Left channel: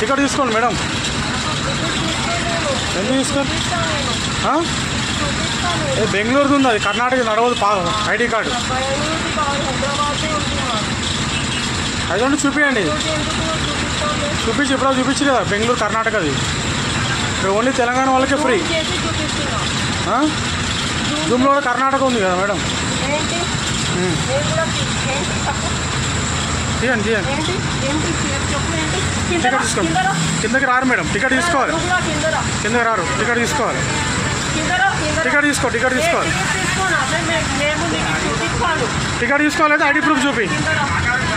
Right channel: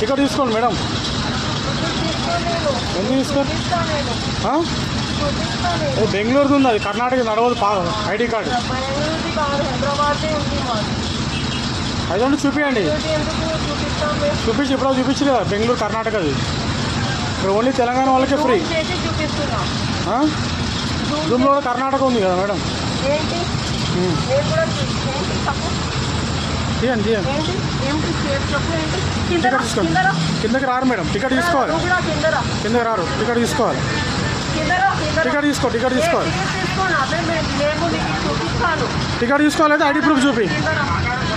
Ticket తీసుకోండి madam. ఎందుకు తీసుకోండి? బెంగళూరుది ఉంది, అది కర్ణాటక నడవదు. ఐడి కార్డు అదండి, చూపించండి. చూపించి ఇప్పుడు చూపించి కదా, బెంగళూరు కర్ణాటకది. ఇక్కడ ఓన్లీ తెలంగాణ వాళ్ళకే ఫ్రీ. జూమ్లో కూడా కర్ణాటక ఉంది కదా మేడం. తీయండి తీయండి. టికెట్ తీసుకోండి. కిందకి రారు మేడం, టికెట్ తీసుకోవాలి. కిందకి రారు, టికెట్ తీసుకోవాలి. టికెట్ తీసుకోవాలి. టికెట్ తీసుకోవాలి. అయితే ఐడి ప్రూఫ్ చూపి.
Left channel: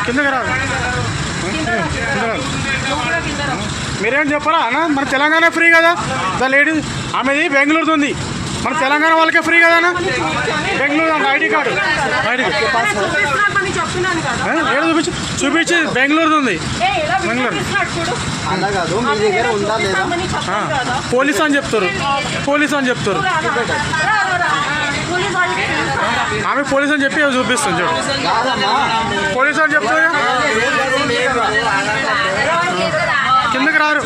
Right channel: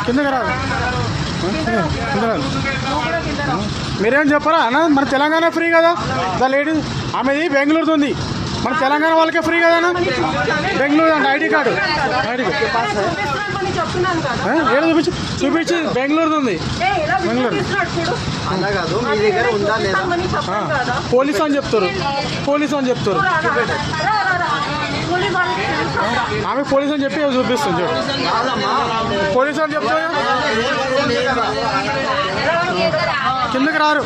కిందకి రాదు. మీరేం చెప్పరా అన్న? మన తెలంగాణ ఫ్రీ కదా. ద లేడీ ఆమెది బెంగళూరుది ఉంది, మన తెలంగాణ వాళ్ళకే ఫ్రీ కదా అన్న. బెంగళూరు ఐడి కార్డు చూపించి బెంగళూరుది ఉంది. బెంగళూరు పోలీస్ అని చెప్తారు. ఆమె పోలీస్ అని చెప్పి చూపిస్తుంది చూడు. పోలీస్ అని చెప్తారు. కిందకి రారు.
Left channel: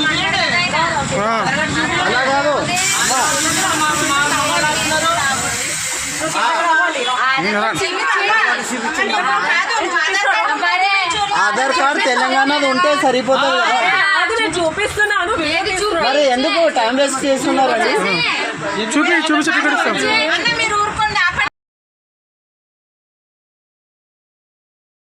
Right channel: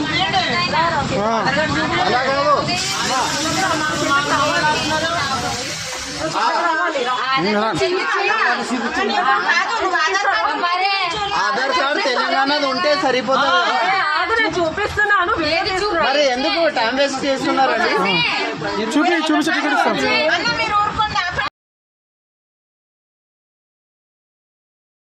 ఆధార్ కార్డు తెలంగాణది ఉంటే సరిపోతుంది. చూపిస్తున్నాను, మరి ఎందుకు టైం వేస్ట్ చేస్తున్నారండి? చూపించి టికెట్ ఇస్తాం.